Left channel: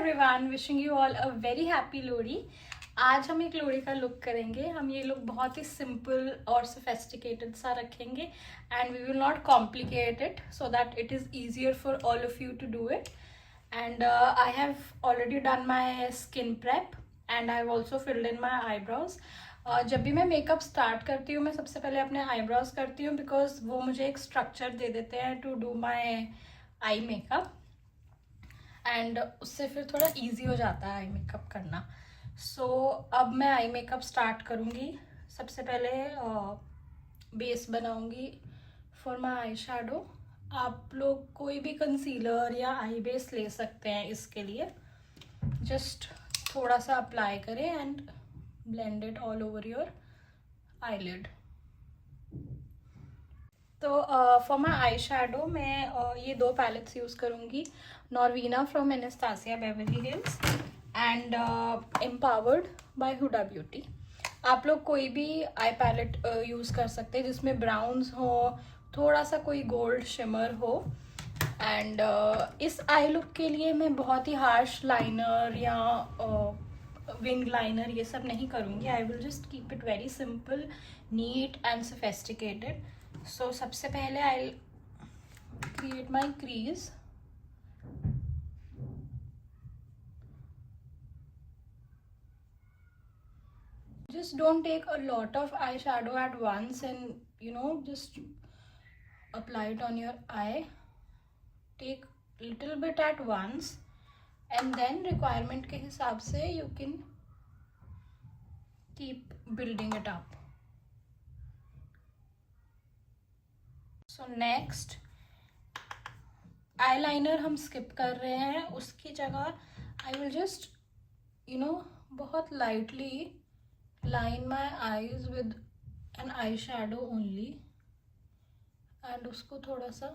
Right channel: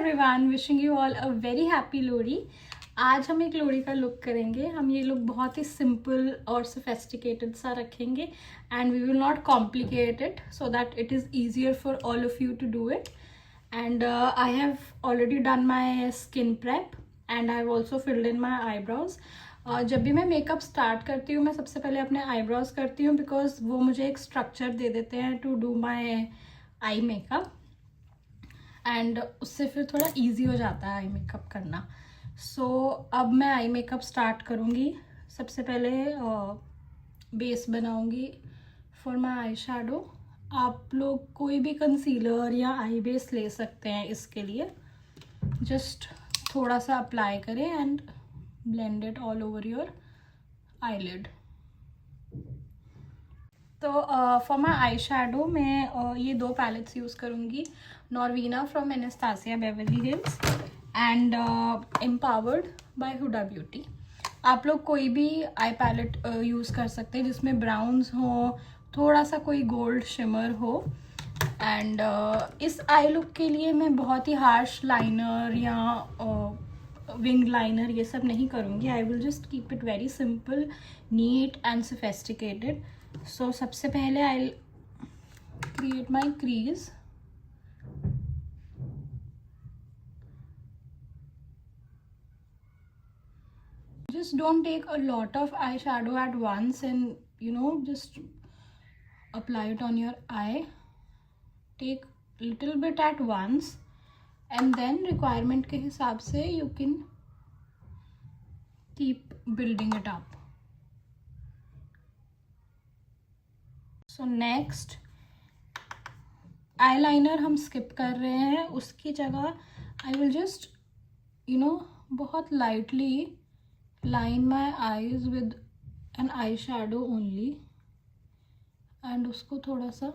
Everyone, wishing you all a very happy Lohri. आज हम एक लोहड़ी का लुक करेंगे। हम ये लुक बहुत ही सिंपल और सोफेस्टिकेटेड सा रखेंगे and we will not complicate it so that it is easier for all of you to do it. And I have already done my skin prep and I have also filled in my eyebrows. जब भी मैं makeup start करती हूँ मैं सबसे पहले अपने eyebrows करती हूँ बिकॉज वो मुझे एक स्ट्रक्चर दे देते हैं to do my eye makeup and उससे फिर थोड़ा इजी हो जाता है आई मेकअप करना। सो अब मैं आई मेकअप स्टार्ट करूँगी। सबसे पहले बेस बनाऊँगी फॉर माई आई शेडो। आप लोग कोई भी कंसीलर या आई बेस ले सकते हैं इसके लिए। जस्ट थोड़ा सा अप्लाई करें and blend it all over your eyelid. तो फॉर माई आई शेडो मैं ये दो पैलेट्स यूज़ करूँगी, Norvina from Anastasia Beverly Hills and empowered by Huda Beauty. आप लोग कोई भी आई पैलेट यूज़ कर सकते हैं जिसमें ब्राउन्स हो, थोड़ा सा कोई गोल्ड शिमर हो। एंड इस आई लुक के लिए मैं बहुत ही हार्श लाइनर या विंग लाइनर ये सब नहीं करूँगी। I will just keep it very simple, neat and sophisticated. So सबसे पहले I create my crease. Just don't take a lot of eyeshadow at once and just apply it on your eye. Take little bit at once and then requirement के हिसाब से you can keep building it up. So next eyeliner हम skip कर रहे हैं, उसकी जगह I will just बहुत lightly line my eyes with an eyeshadow only and उसको थोड़ा सा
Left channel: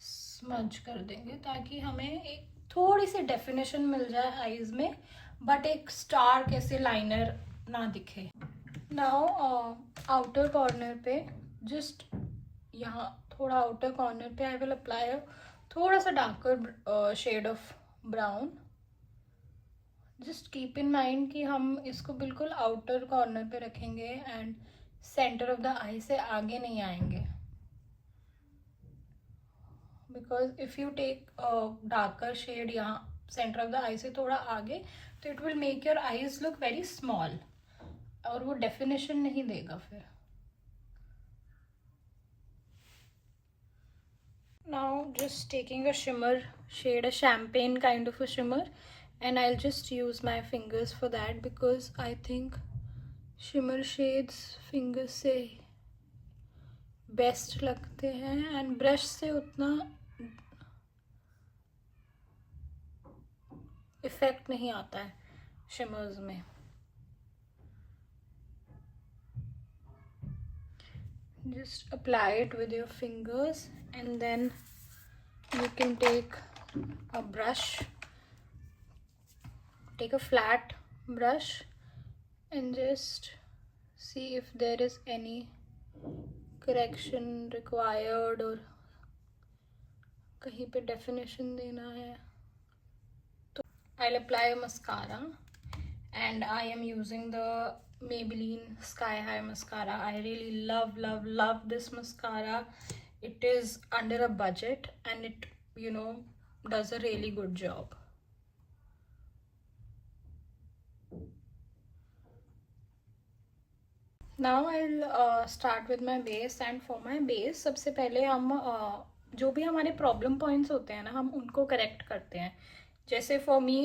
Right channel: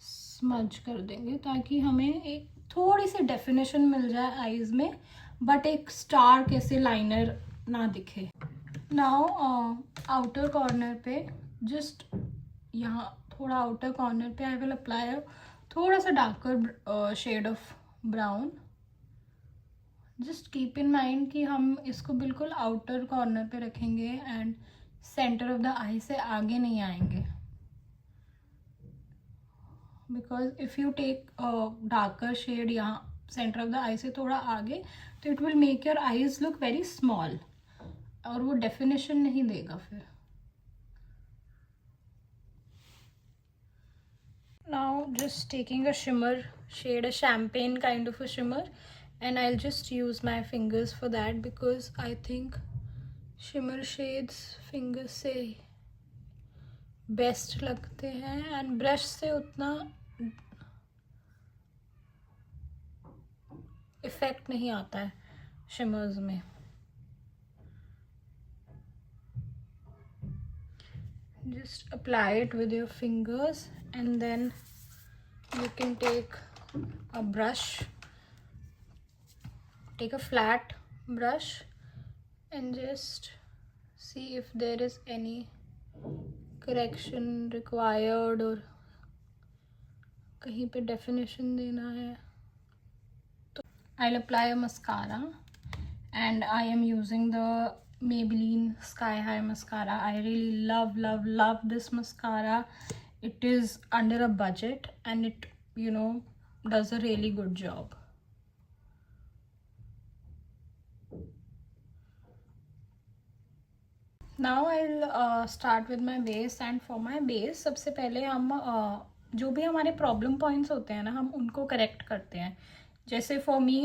स्मज कर देंगे ताकि हमें एक थोड़ी सी डेफिनेशन मिल जाए आईज में, बट एक स्टार कैसे लाइनर ना दिखे। नाउ आउटर कॉर्नर पे जस्ट यहाँ थोड़ा आउटर कॉर्नर पे आई विल अप्लाई थोड़ा सा darker shade of brown. Just keep in mind कि हम इसको बिल्कुल आउटर कॉर्नर पे रखेंगे and centre of the eye से आगे नहीं आएंगे, because if you take darker shade यहाँ सेंटर ऑफ द आई से थोड़ा आगे तो it will make your eyes look very small और वो डेफिनेशन नहीं देगा फिर। Now just taking a shimmer shade, a champagne kind of a shimmer, and I'll just use my fingers for that because I think shimmer shades fingers से best लगते हैं and brush से उतना इफेक्ट नहीं आता है शिमर्स में। Just apply it with your fingers and then you can take a brush, take a flat brush and just see if there is any correction required or कहीं पे definition देना है तो I'll apply a mascara and I am using the Maybelline Sky High mascara. I really love this mascara. It is under a budget and it does a really good job. Now I'll start with my base and for my base सबसे पहले हम जो भी हमारे problem points होते हैं ना हम उनको करेक्ट करते हैं। जैसे for me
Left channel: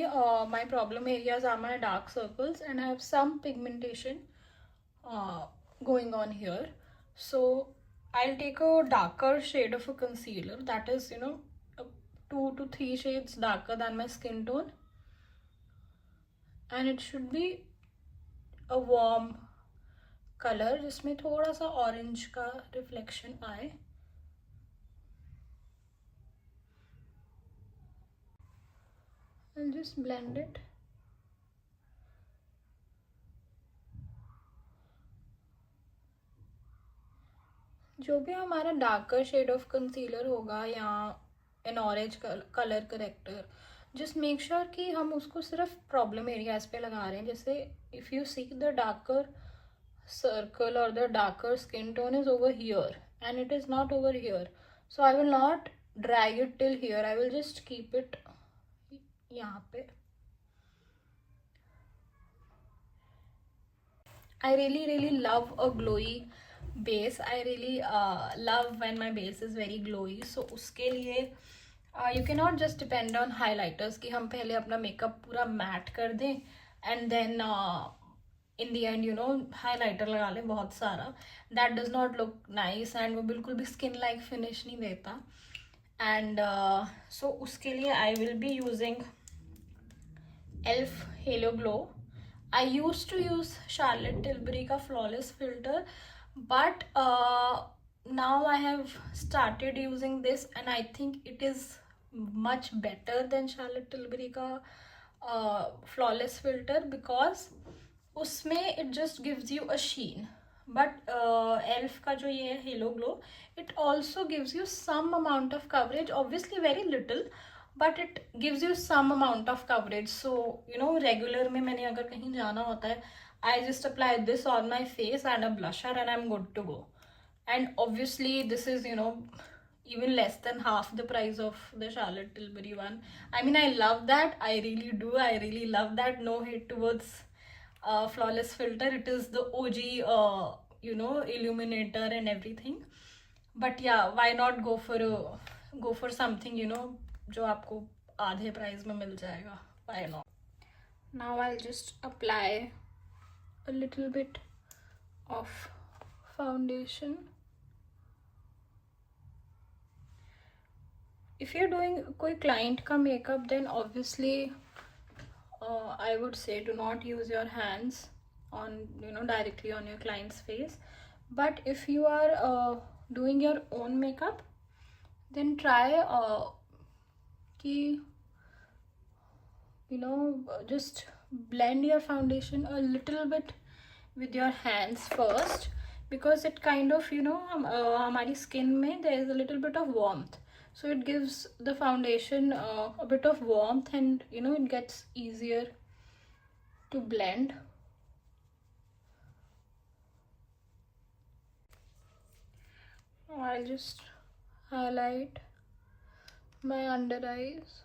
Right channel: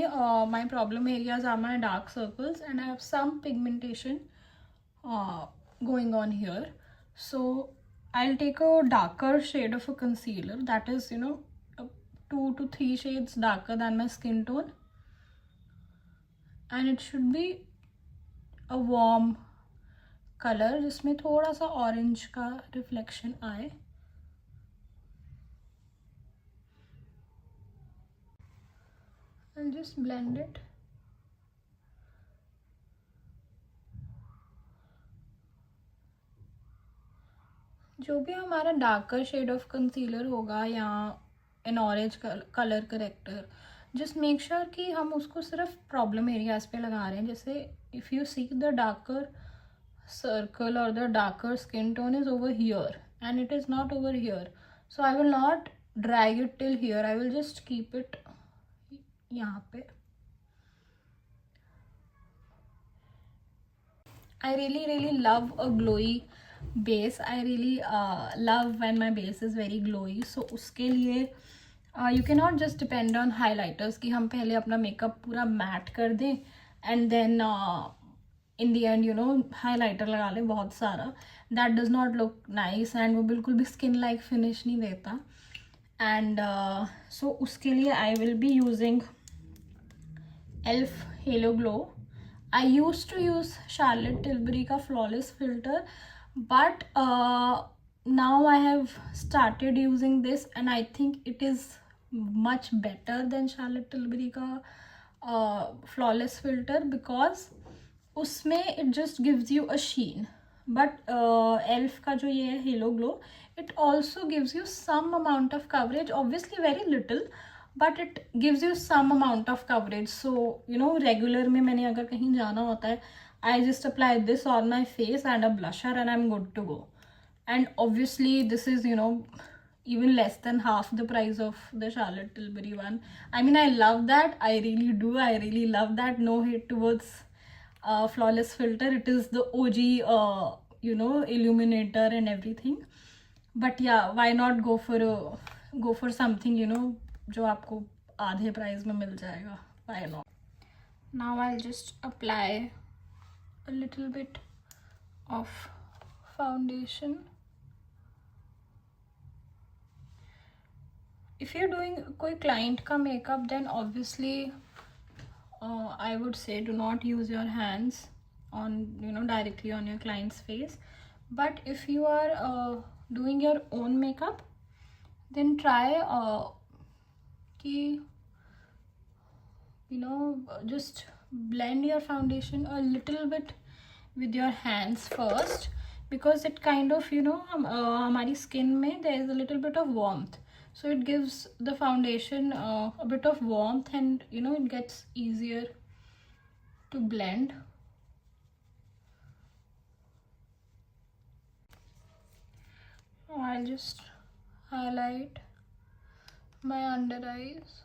my problem areas are my dark circles and I have some pigmentation going on here. So I will take a darker shade of a concealer that is 2 to 3 shades darker than my skin tone and it should be a warm colour जिसमें थोड़ा सा orange का reflection आए। I'll just blend it. जो भी हमारा darker shade of concealer होगा या N orange colour corrector just make sure कि हम उसको सिर्फ प्रॉब्लम एरियाज पे लगा रहे हैं. जैसे if you see the darker circle or the darker skin tone is over here and it is not over here, so I will not drag it till here. I will just keep it यहाँ पे. I really love a glowy base. I really love when my base is very glowy. So उसके लिए you cannot just depend on highlighters कि हम पहले अपना makeup पूरा matte कर दें and then in the end highlighter लगा लें बहुत सारा. That does not look nice and वो बिल्कुल भी skin like finish नहीं देता. And so उसके लिए I will be using ELF Halo Glow. I used to use Charlotte Tilbury का flawless filter, but now I have started using this and I think it is much better than Charlotte Tilbury का flawless filter because उसमें it just gives you a sheen. But ELF का जो ये Halo Glow, it also gives you some amount of coverage, obviously very little, but it gives you some amount of coverage. So regular में मैंने अगर कहीं जाना होता है, I just apply this on my face and a blusher and I'm good to go. And obviously this is even less than half the price of the Charlotte Tilbury one. I mean, I love that. I really do. I really love that. No hate towards flawless filter. It is the OG illuminator and everything. But yeah, why not go for something जो आपको आधे price में मिल जाएगा. Why not? Now I'll just apply a little bit of foundation. If you're doing कोई client का makeup, then obviously I would say do not use your hands on directly on your client's face. But if you are doing your own makeup, then try कि just blend your foundation a little bit with your hands first, because it kind of हमारी skin में there is a little bit of warmth, so it gives the foundation a bit of warmth and it gets easier to blend. I'll just highlight my under eyes.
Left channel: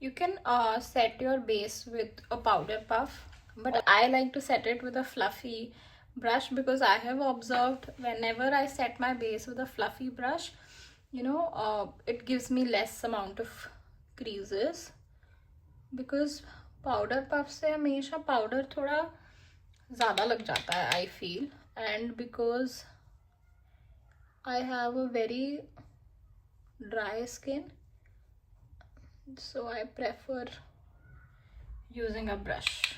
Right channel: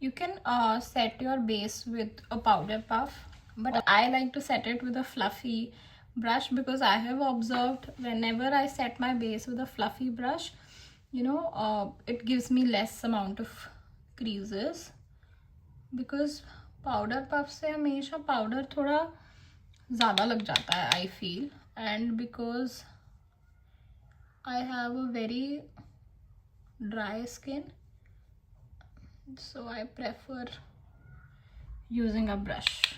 You can set your base with a powder puff, but I like to set it with a fluffy brush because I have observed whenever I set my base with a fluffy brush, it gives me less amount of creases, because powder puff से हमेशा powder थोड़ा ज़्यादा लग जाता है I feel, and because I have a very dry skin, so I prefer using a brush.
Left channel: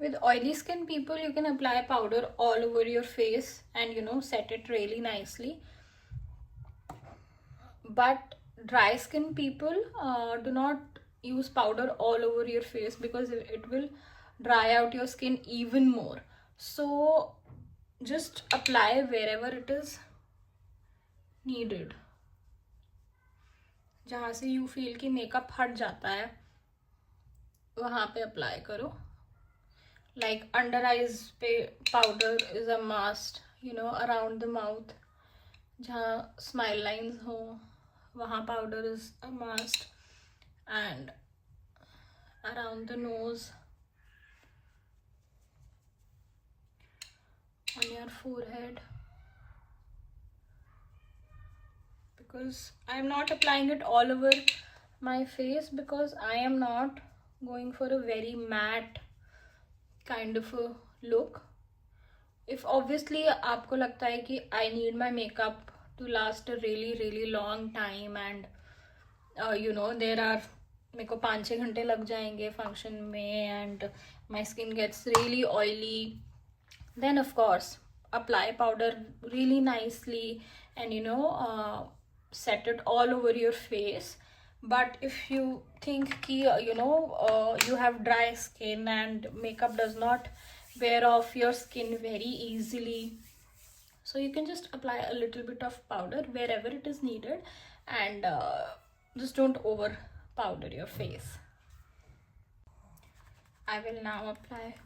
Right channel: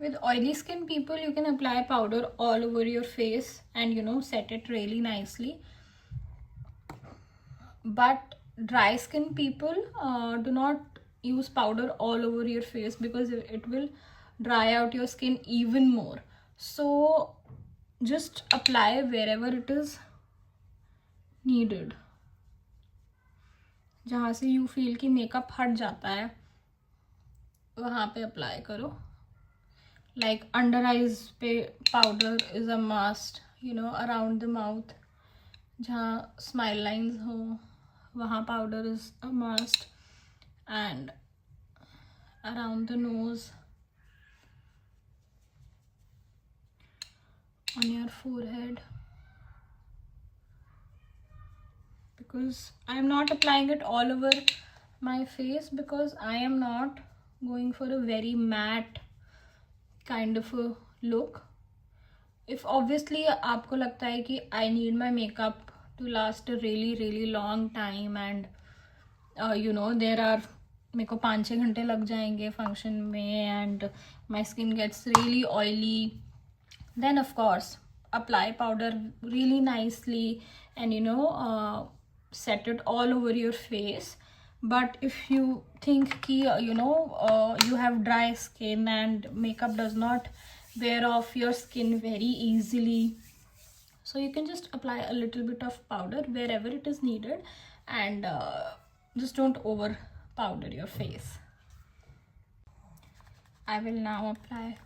With oily skin people, you can apply powder all over your face and set it really nicely. But dry skin people, do not use powder all over your face because it will dry out your skin even more. So just apply wherever it is needed. जहाँ से you feel कि makeup हट जाता है वहाँ पे apply करो. Like under eyes पे powder is a must, around the mouth जहाँ smile lines हो वहाँ powder is a must, and around the nose, on your forehead, because I am not applying it all over my face because I am not going for a very matte kind of a look. If obviously आपको लगता है कि I need my makeup to last a really long time and there are मेरे को 5-6 घंटे लग जाएंगे function में and my skin gets really oily, then of course apply powder really nicely and set it all over your face. But if you think ki, you have dry skin and makeup does not wear off your skin very easily, so you can just apply a little bit of powder wherever it is needed, and just don't over powder your face. I will now apply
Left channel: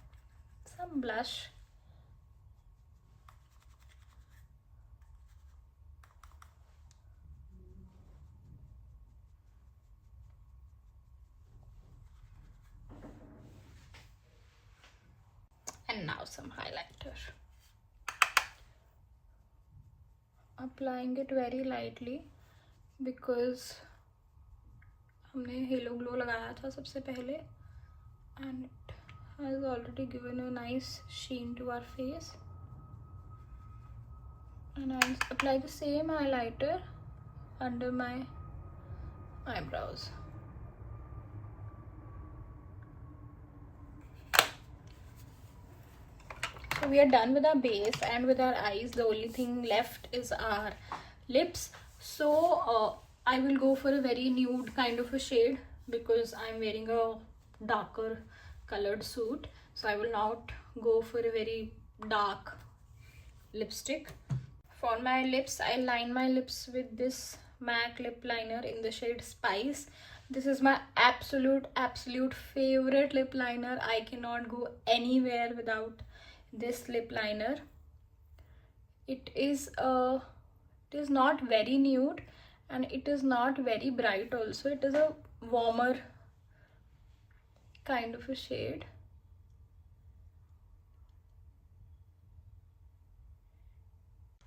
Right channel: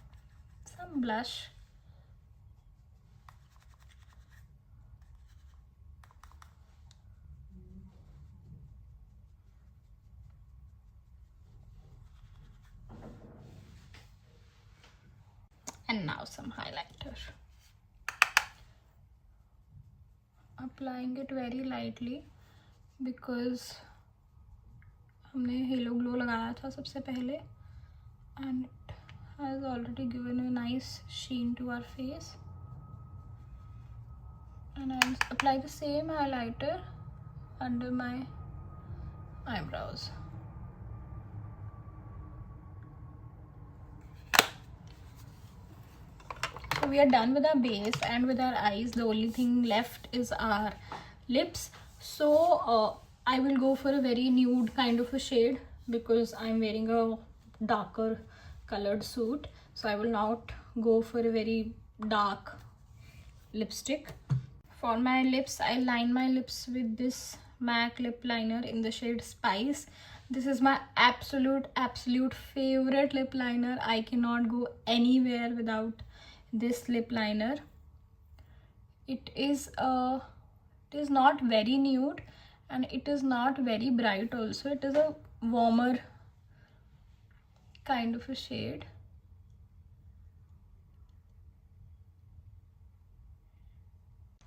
some blush. And now some highlighter. Applying it very lightly because हमने hello glow लगाया था सबसे पहले and it has already given a nice sheen to our face. And I'll apply the same highlighter under my eyebrows. So we are done with our base and with our eyes. The only thing left is our lips. So I will go for a very nude kind of a shade because I'm wearing a darker colored suit. So I will not go for a very dark lipstick. For my lips, I line my lips with this MAC lip liner in the shade Spice. This is my absolute favorite lip liner. I cannot go anywhere without this lip liner. It is not very nude and it is not very bright also. It is a warmer kind of a shade.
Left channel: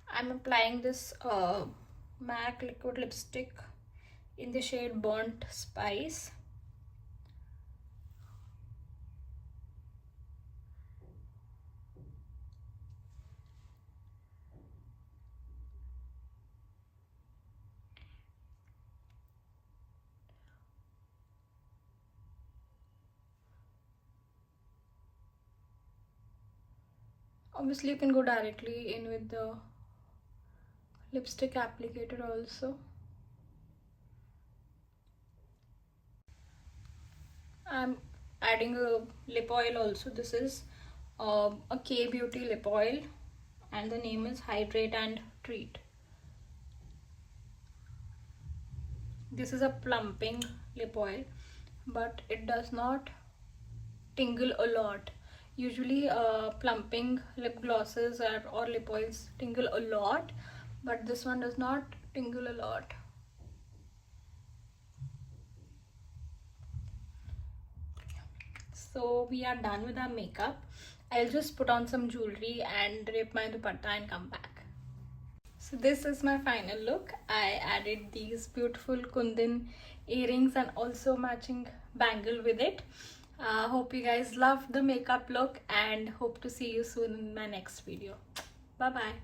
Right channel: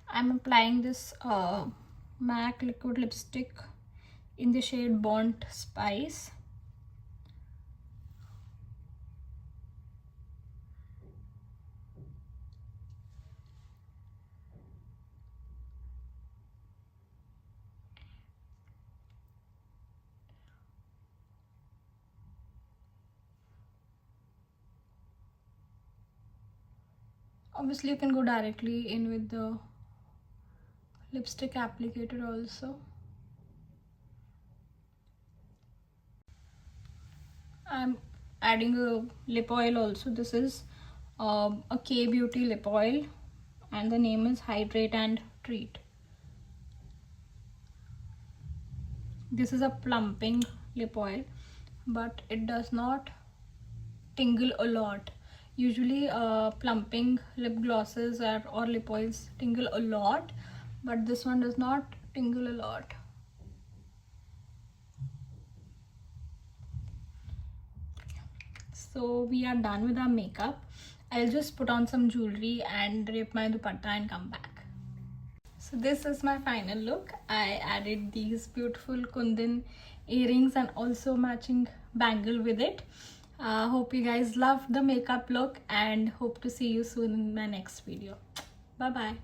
I'm applying this MAC liquid lipstick in the shade Burnt Spice. Obviously you can go directly in with the lipstick applicator also. I'm adding a lip oil also. This is a K Beauty lip oil and the name is Hydrate and Treat. This is a plumping lip oil, but it does not tingle a lot. Usually plumping lip glosses or lip oils tingle a lot, but this one does not tingle a lot. So we are done with our makeup. I'll just put on some jewelry and drape my dupatta and come back. So this is my final look. I added these beautiful Kundan earrings and also matching bangle with it. Hope you guys loved the makeup look and hope to see you soon in my next video. Bye bye.